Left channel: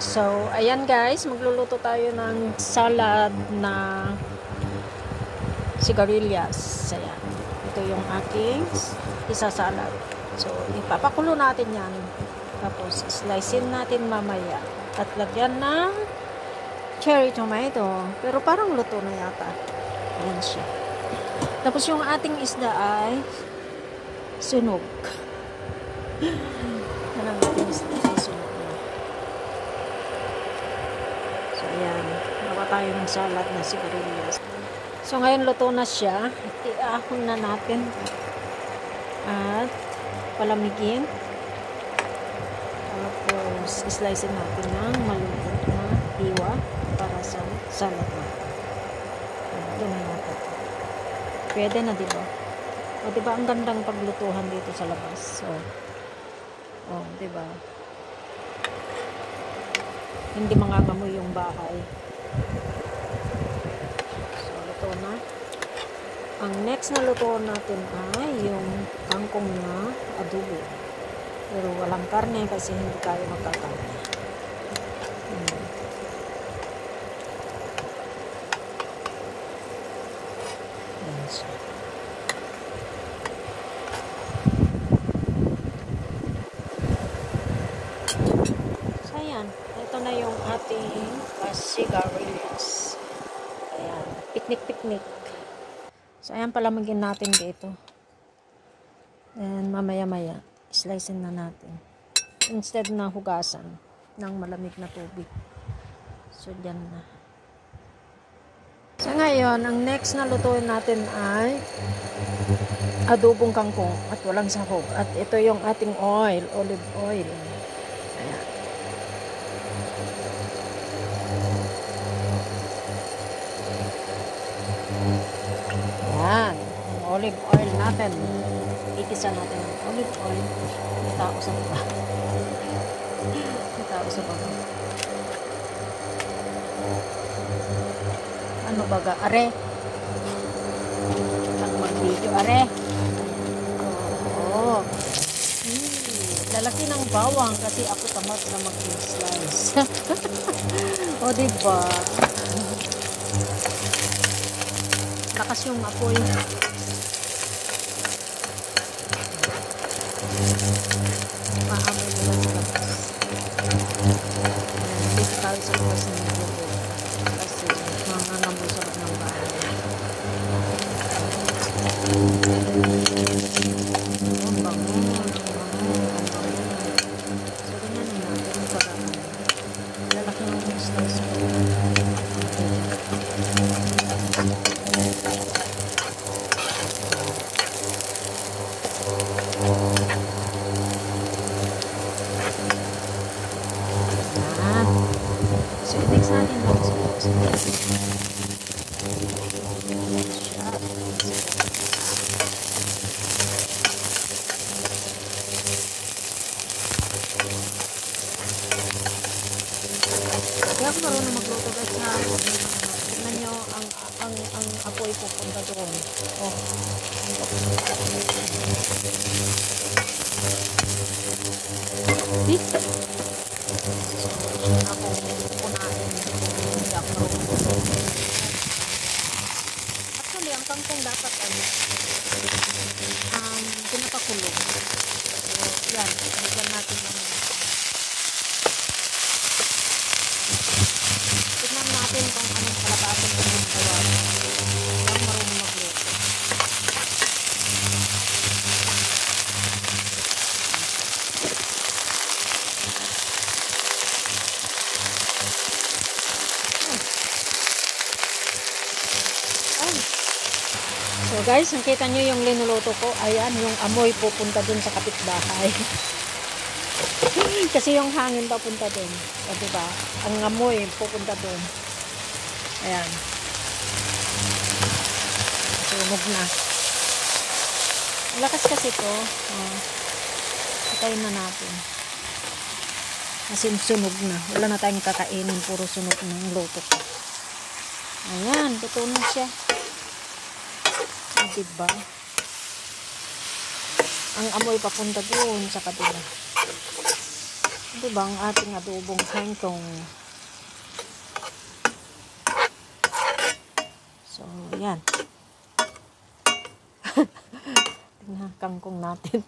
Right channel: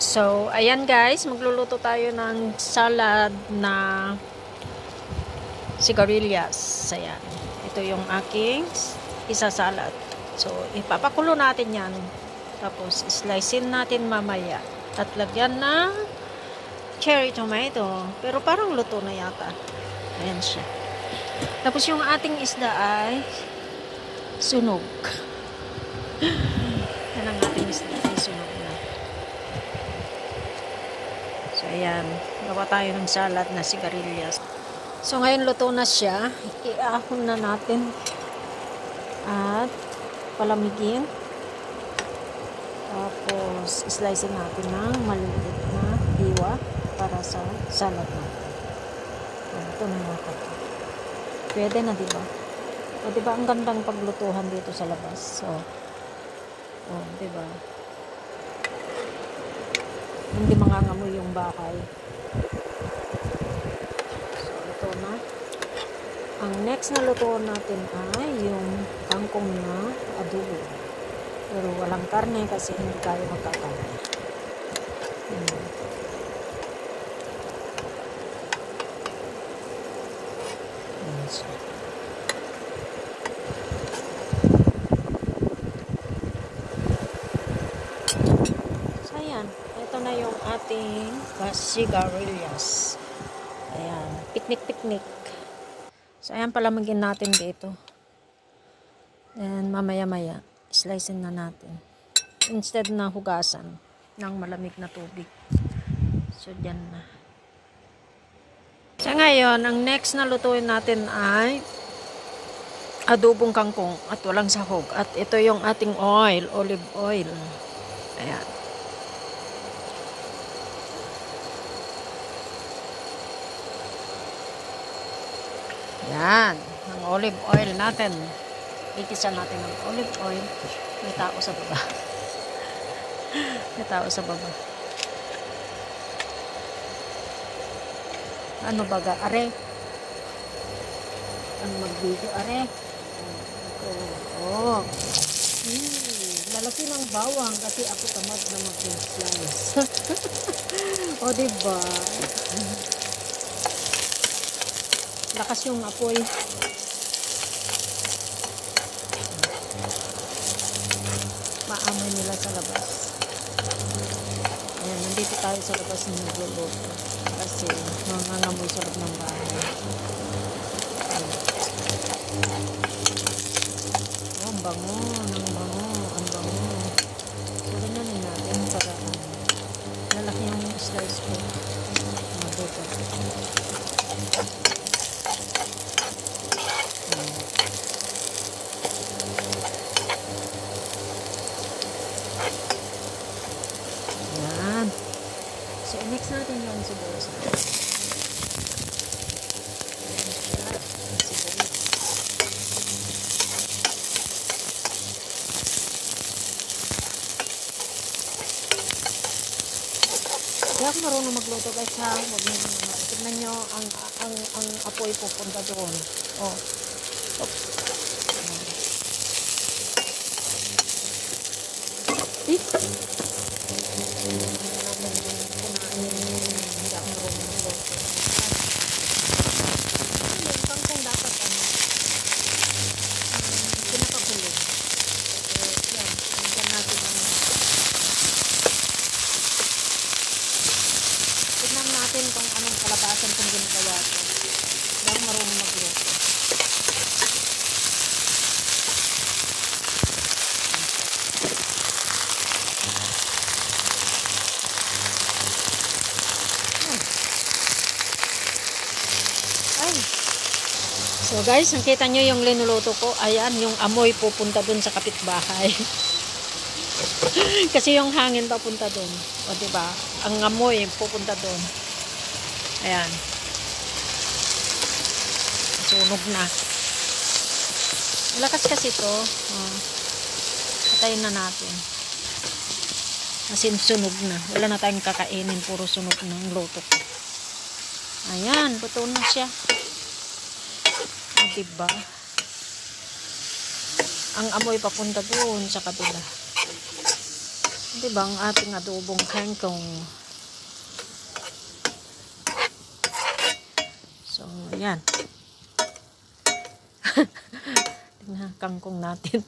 So, ayan guys, magluluto tayo ng salad na sigarilyas. Ayan. Ito yung aking isasalad. So, ipapakulo natin yan. Tapos, slicein natin mamaya. At lagyan ng cherry tomato. Pero parang luto na yata. Ayan siya. Tapos, yung ating isda ay sunog. Yan ang ating isda ay sunog na. So, ayan. Gawa tayo ng salad na sigarilyas. So, ngayon luto na siya. Iahon na natin. At palamigin. Tapos, slicein natin ng maliit na hiwa para sa salad na. Ito na natin. Pwede na, diba? O, diba, ang gandang paglutuhan dito sa labas. So, oh, diba? Hindi mangangamoy yung bahay. So, luto na. Ang next na luto natin ay yung kangkong na adobo. Pero walang karne kasi hindi tayo magkakarne. Yes. So, ayan. Ito na yung ating sigarilyas. Ayan. Piknik-piknik. So, ayan, palamagin natin dito. Then, mamaya-maya, slicein na natin. Instead na hugasan ng malamig na tubig. So, dyan na. So, ngayon, ang next na lutuin natin ay adobong kangkong at walang sahog. At ito yung ating oil, olive oil. Ayan. Yan, ang olive oil natin. Ikisa natin ng olive oil. May tao sa baba. May tao sa baba. Ano baga? Are? Ano mag-video? Are? Oo. Lalaki ng bawang kasi ako tamad na mag-slice. O, diba? Lakas yung apoy. Maamoy nila sa labas. Ayan, dito tayo sa labas ng lulo. Kasi mangangamoy sa loob ng bahay. Oh, ang bango, ang bango, ang bango. So, ganyanin natin para lalaki yung slice ko. Diba? Yan. So, mix natin lang sa kaya ako marunong magluto guys ha. Tignan nyo ang apoy pupunta doon. Oh. See? Ako punain. Hindi ako marunong magluto. Actually, ang kangkong dapat pinapakulong. So, yan. Bigyan natin ng tignan natin kung anong kalabasan kung ginagawa. Hindi ako marunong magluto. So guys, nakita nyo yung linuluto ko. Ayan, yung amoy pupunta dun sa kapitbahay. Kasi yung hangin papunta dun. O diba? Ang amoy pupunta dun. Ayan. Sunog na. Malakas kasi ito. Patayin na natin. Kasi sunog na. Wala na tayong kakainin. Puro sunog na ang luto ko. Ayan, luto na siya. Diba? Ang amoy papunta doon sa kabila. Diba ang ating adobong kangkong. So, yan. Tingnan kangkong natin.